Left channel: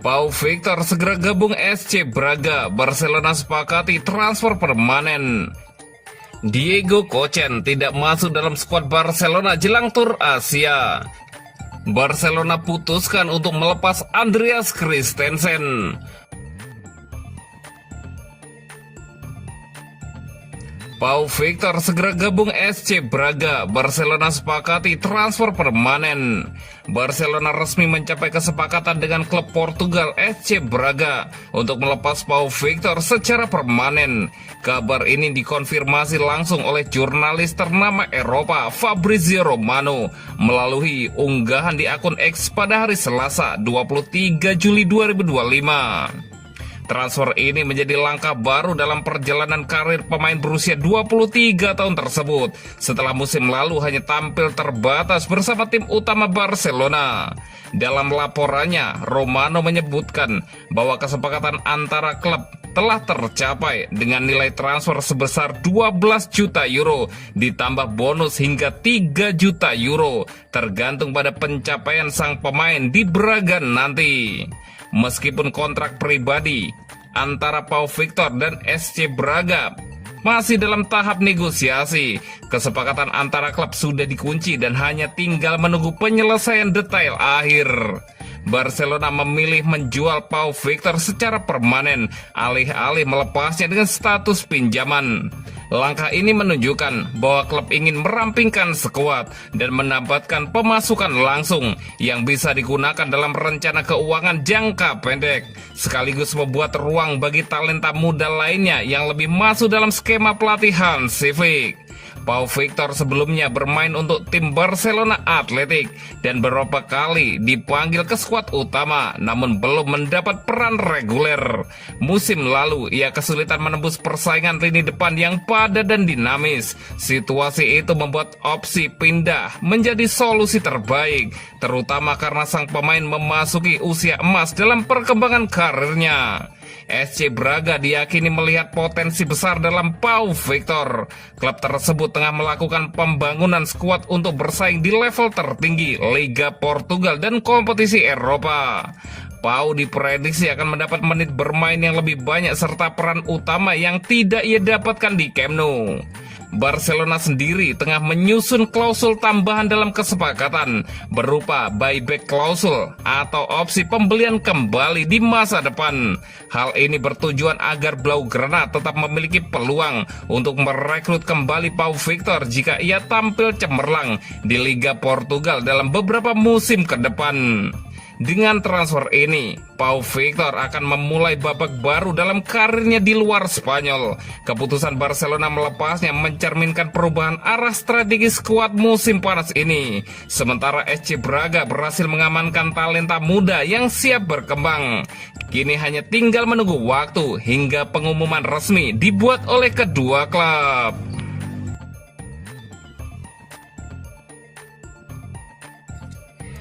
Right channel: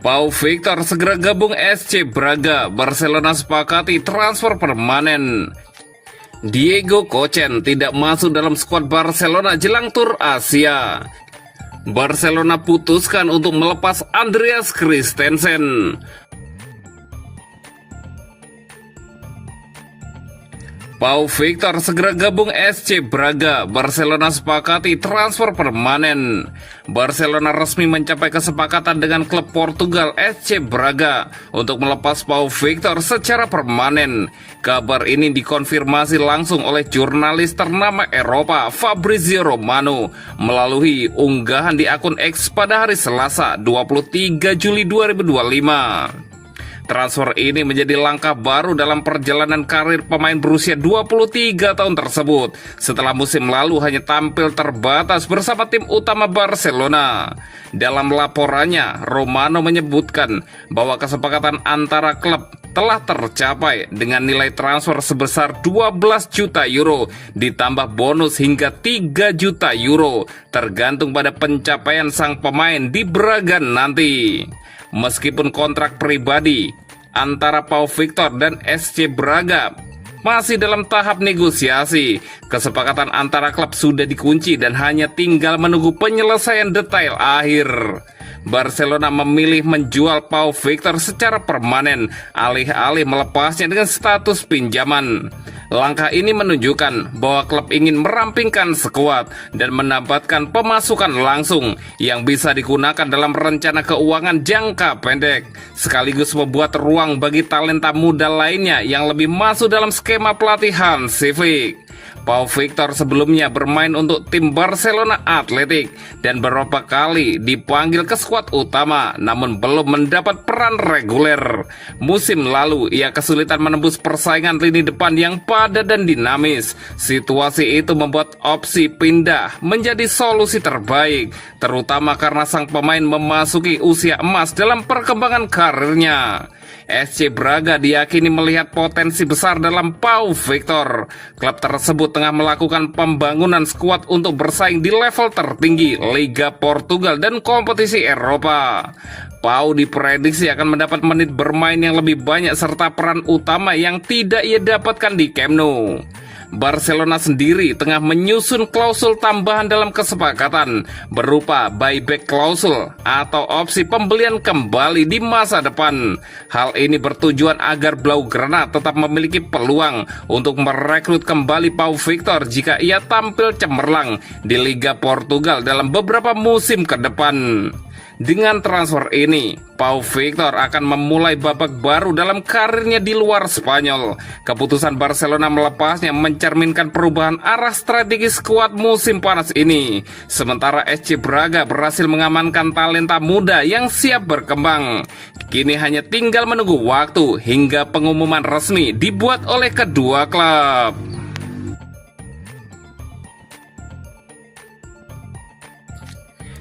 Pau Victor segera gabung SC Braga. Barcelona sepakati transfer permanen. Diego Kochen tidak masuk dalam skuad Barcelona jelang tur Asia. Barcelona putuskan untuk melepas Andreas Christensen. Pau Victor segera gabung SC Braga. Barcelona sepakati transfer permanen. Barcelona resmi mencapai kesepakatan dengan klub Portugal SC Braga untuk melepas Pau Victor secara permanen. Kabar ini dikonfirmasi langsung oleh jurnalis ternama Eropa Fabrizio Romano melalui unggahan di akun X pada hari Selasa 23 Juli 2025. Transfer ini menjadi langkah baru dalam perjalanan karir pemain berusia 23 tahun tersebut setelah musim lalu hanya tampil terbatas bersama tim utama Barcelona. Dalam laporannya, Romano menyebutkan bahwa kesepakatan antara klub telah tercapai dengan nilai transfer sebesar 12 juta euro ditambah bonus hingga 3 juta euro tergantung pada pencapaian sang pemain di Braga nanti. Meskipun kontrak pribadi antara Pau Victor dan SC Braga masih dalam tahap negosiasi, kesepakatan antara klub sudah dikunci dan hanya tinggal menunggu penyelesaian detail akhir. Barcelona memilih menjual Pau Victor secara permanen alih-alih melepasnya dengan status pinjaman. Langkah ini menunjukkan bahwa klub ingin merampingkan skuad dan mendapatkan pemasukan langsung yang bisa digunakan dalam rencana keuangan jangka pendek, sekaligus membuat ruang bagi talenta muda lainnya yang lebih masuk dalam skema pelatihan Civic. Pau Victor sebelumnya bermain untuk tim Barcelona Athletic dan beberapa kali dipanggil ke skuad utama namun belum mendapat peran reguler. Musim lalu ia kesulitan menembus persaingan lini depan yang padat dan dinamis. Situasi itu membuat opsi pindah menjadi solusi terbaik, terutama karena sang pemain memasuki usia emas dalam perkembangan karirnya. SC Braga diyakini melihat potensi besar dalam Pau Victor. Klub tersebut tengah melakukan pembangunan skuad untuk bersaing di level tertinggi Liga Portugal dan kompetisi Eropa. Pau diprediksi akan mendapat menit bermain yang lebih banyak serta peran utama yang tidak ia dapatkan di Camp Nou. Barcelona sendiri tengah menyusun klausul tambahan dalam kesepakatan berupa buyback klausul atau opsi pembelian kembali di masa depan. Hal ini bertujuan agar Blaugrana tetap memiliki peluang untuk merekrut kembali Pau Victor jika ia tampil cemerlang di Liga Portugal dalam beberapa musim ke depan. Dengan transfer ini, Pau Victor akan memulai babak baru dalam karirnya di luar Spanyol. Keputusan Barcelona melepasnya mencerminkan perubahan arah strategi skuad musim panas ini. Sementara SC Braga berhasil mengamankan talenta muda yang siap berkembang. Kini hanya tinggal menunggu waktu hingga pengumuman resmi dibuat oleh kedua klub.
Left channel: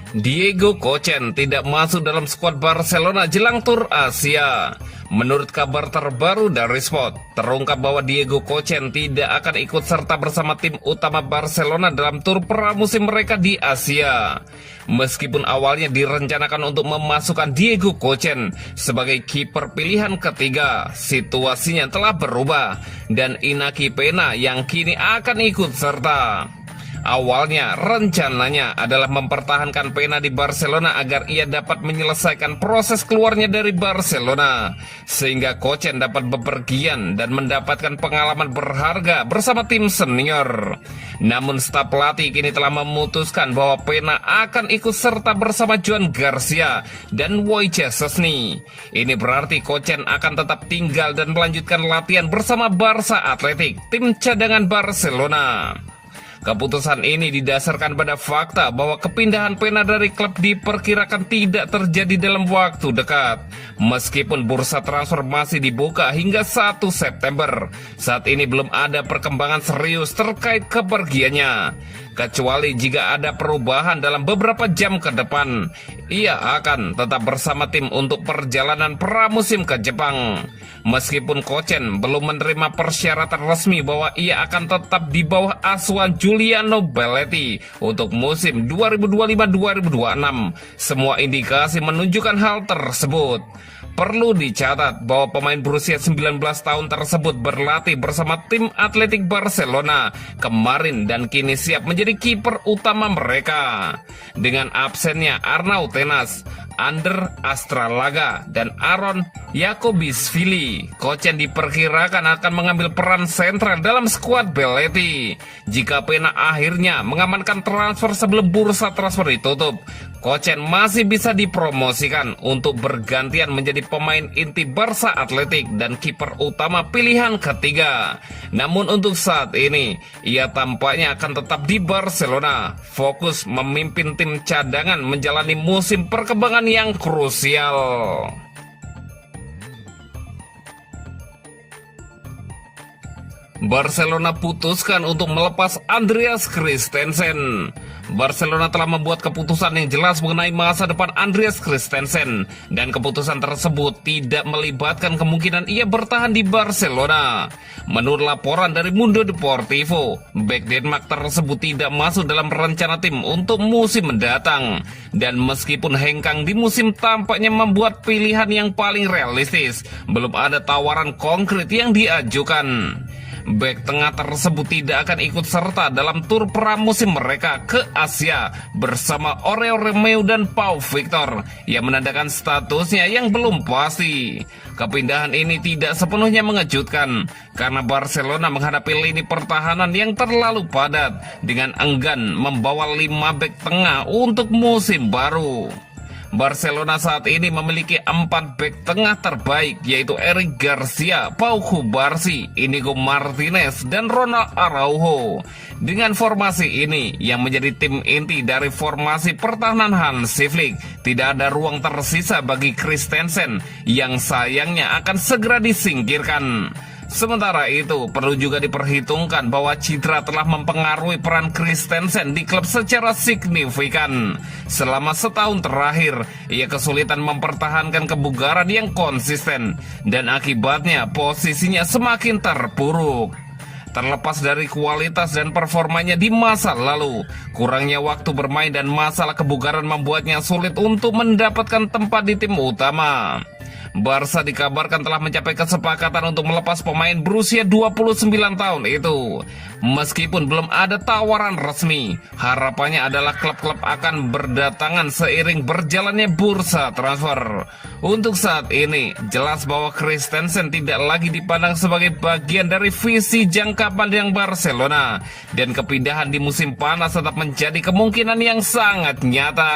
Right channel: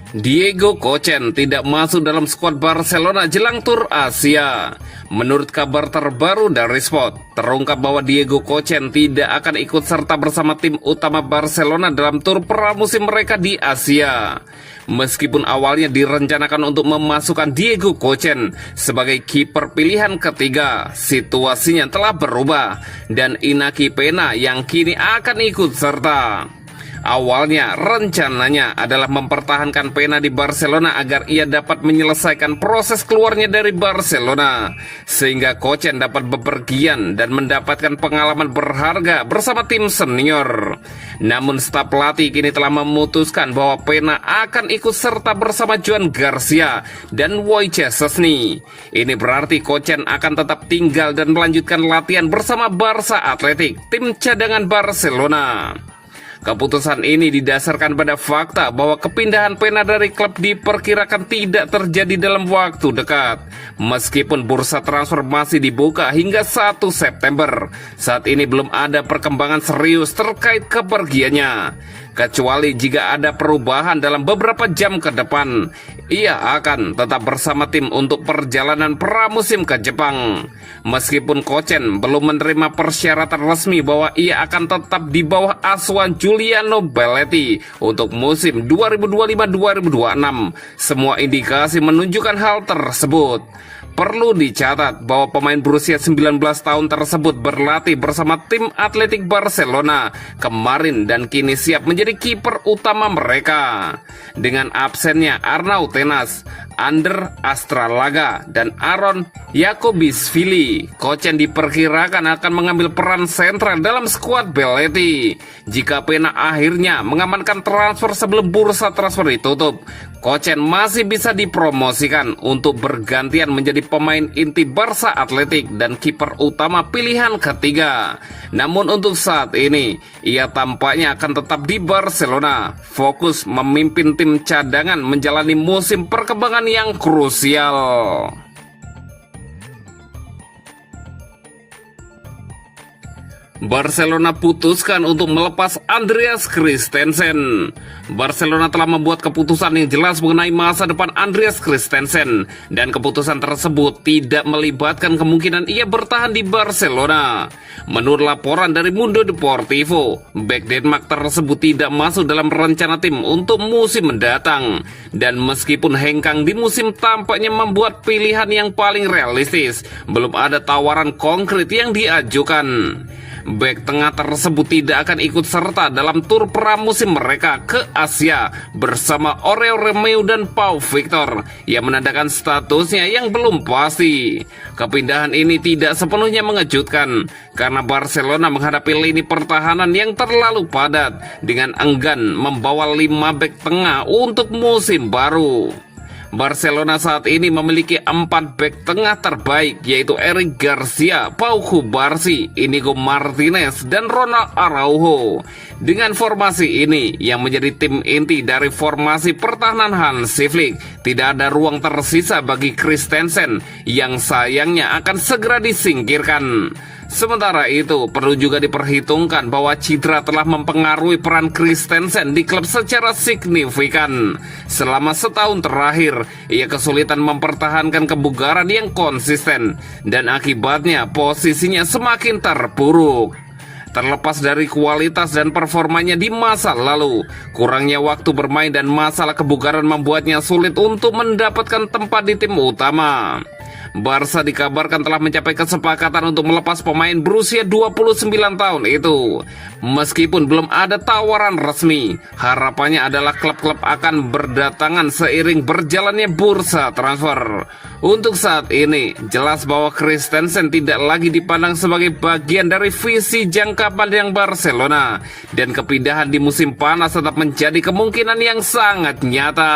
Diego Kochen tidak masuk dalam skuad Barcelona jelang tur Asia. Menurut kabar terbaru dari Sport, terungkap bahwa Diego Kochen tidak akan ikut serta bersama tim utama Barcelona dalam tur pramusim mereka di Asia. Meskipun awalnya direncanakan untuk memasukkan Diego Kochen sebagai kiper pilihan ketiga, situasinya telah berubah dan Iñaki Peña yang kini akan ikut serta. Awalnya rencananya adalah mempertahankan Peña di Barcelona agar ia dapat menyelesaikan proses keluarnya dari Barcelona sehingga Kochen dapat bepergian dan mendapatkan pengalaman berharga bersama tim senior. Namun staf pelatih kini telah memutuskan bahwa Peña akan ikut serta bersama Joan Garcia dan Wojciech Szczesny. Ini berarti Kochen akan tetap tinggal dan melanjutkan latihan bersama Barca Athletic, tim cadangan Barcelona. Keputusan ini didasarkan pada fakta bahwa kepindahan Peña dari klub diperkirakan tidak terjadi dalam waktu dekat. Meskipun bursa transfer masih dibuka hingga 1 September, saat ini belum ada perkembangan serius terkait kepergiannya. Kecuali jika ada perubahan dalam beberapa jam ke depan. ia akan tetap bersama tim untuk perjalanan pramusim ke Jepang. Meskipun Kochen belum menerima persyaratan resmi bahwa ia akan tetap di bawah asuhan Giuliano Belletti untuk musim 2025-2026, semua indikasi menunjukkan hal tersebut. Perlu dicatat bahwa pemain berusia 19 tahun tersebut berlatih bersama tim Atletik Barcelona kemarin dan kini siap menjadi kiper utama mereka. Dengan absennya Arnau Tenas, Ander Astralaga, dan Aaron Jakobisvili, Kochen diperkirakan akan mengambil peran sentral dalam skuad Belletti. Jika Pena akhirnya mengamankan transfer sebelum bursa transfer ditutup, Kochen masih bisa dipromosikan untuk bergantian menjadi pemain inti Barca Atletik dan kiper utama pilihan ketiga. Namun untuk saat ini, ia tampaknya akan tetap di Barcelona, fokus memimpin tim cadangan menjalani musim perkembangan yang krusial. Barcelona putuskan untuk melepas Andreas Christensen. Barcelona telah membuat keputusan yang jelas mengenai masa depan Andreas Christensen, dan keputusan tersebut tidak melibatkan kemungkinan ia bertahan di Barcelona. Menurut laporan dari Mundo Deportivo, bek Denmark tersebut tidak masuk dalam rencana tim untuk musim mendatang, dan meskipun hengkang di musim tampaknya membuat pilihan yang paling realistis, belum ada tawaran konkret yang diajukan. Bek tengah tersebut tidak akan ikut serta dalam tur pramusim mereka ke Asia bersama Oreo Romeo dan Pau Victor yang menandakan statusnya yang belum pasti. Kepindahan ini tidak sepenuhnya mengejutkan karena Barcelona menghadapi lini pertahanan yang terlalu padat dengan enggan membawa 5 bek tengah untuk musim baru. Barcelona saat ini memiliki 4 bek tengah terbaik, yaitu Eric Garcia, Pau Cubarsí, Inigo Martinez, dan Ronald Araujo. Dengan formasi ini yang menjadi tim inti dari formasi pertahanan Hansi Flick, tidak ada ruang tersisa bagi Christensen yang sayangnya akan segera disingkirkan. Sementara itu, perlu juga diperhitungkan bahwa cedera telah mempengaruhi peran Christensen di klub secara signifikan. Selama setahun terakhir, ia kesulitan mempertahankan kebugaran yang konsisten, dan akibatnya posisinya semakin terpuruk. Terlepas dari kualitas dan performanya di masa lalu, kurangnya waktu bermain dan masalah kebugaran membuatnya sulit untuk mendapatkan tempat di tim utama. Barca dikabarkan telah mencapai kesepakatan untuk melepas pemain berusia 29 tahun itu. Meskipun belum ada tawaran resmi, harapannya adalah klub-klub akan berdatangan seiring berjalannya bursa transfer. Untuk saat ini, jelas bahwa Christensen tidak lagi dipandang sebagai bagian dari visi jangka panjang Barcelona, dan kepindahan di musim panas tetap menjadi kemungkinan yang sangat nyata.